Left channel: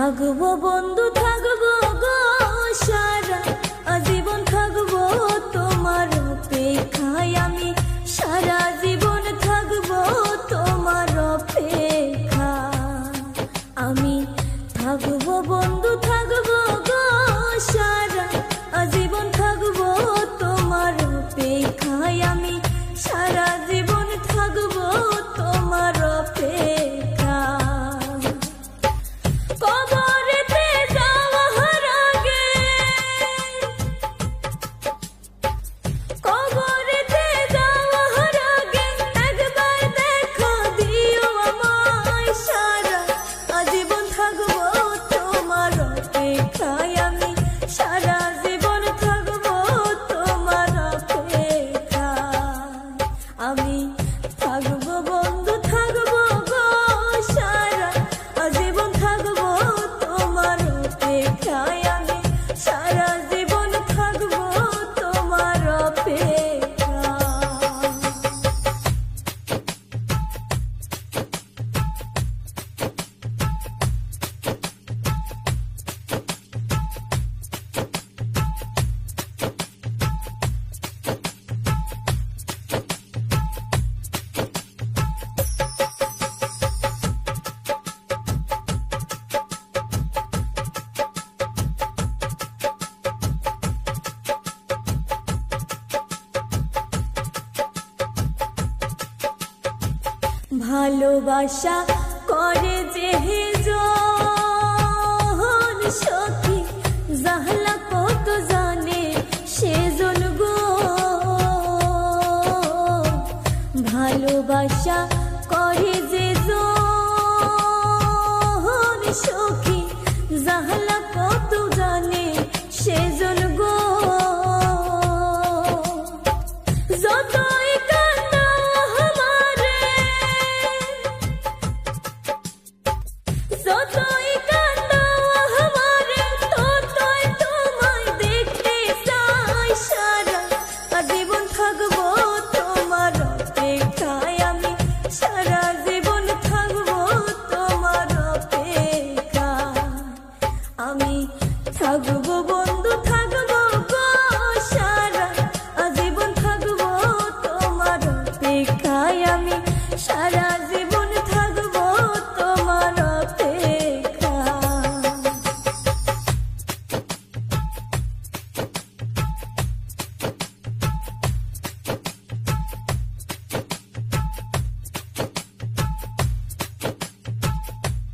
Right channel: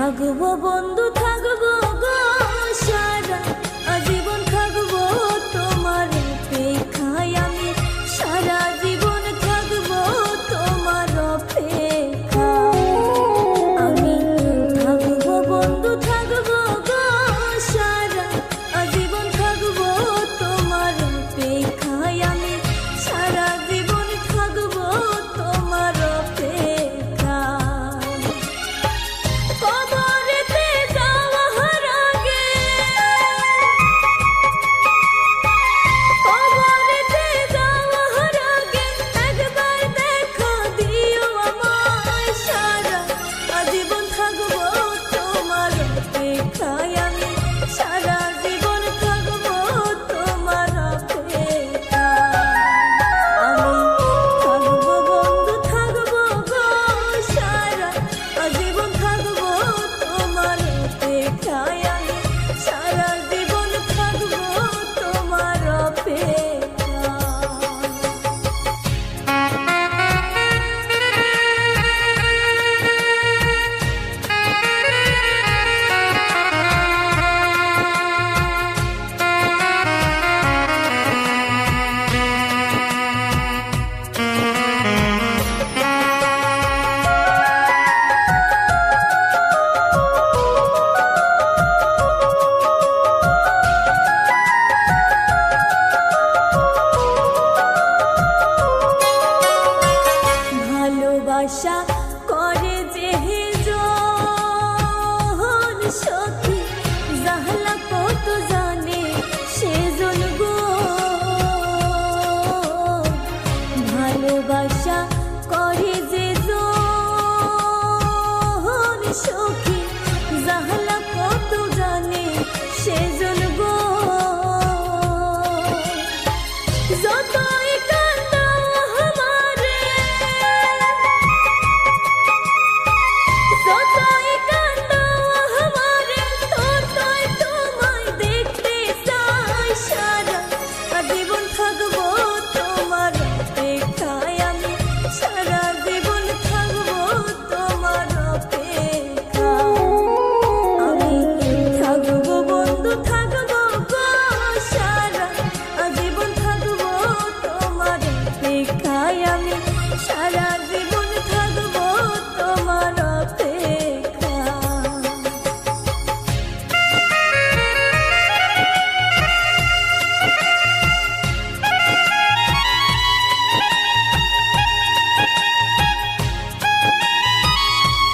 থাকবো বন্ধু থাকবো গো সারা আজীবন থাকবো তোমার অপেক্ষায় আমি সারা জীবন থাকবো তোমার অপেক্ষায় আমি থাকবো বন্ধু থাকবো গো সারা আজীবন থাকবো তোমার অপেক্ষায় আমি সারা জীবন থাকবো তোমার অপেক্ষায় কবরেতে যাওয়ার আগে কবরেতে যাওয়ার আগে একবার দেখা দিও আমায় সারা আজীবন থাকবো তোমার অপেক্ষায় আমি সারা জীবন থাকবো তোমার অপেক্ষায় আমি থাকবো বন্ধু থাকবো গো সারা আজীবন থাকবো তোমার অপেক্ষায় আমি সারা জীবন থাকবো তোমার অপেক্ষায় ভালোবাসা করে যে জন সখী জাহলা কত জানে সেজন গো ভালোবাসা করে যে জন সখী জাহলা কত জানে সেজন গো যতই কান্না আমারে যত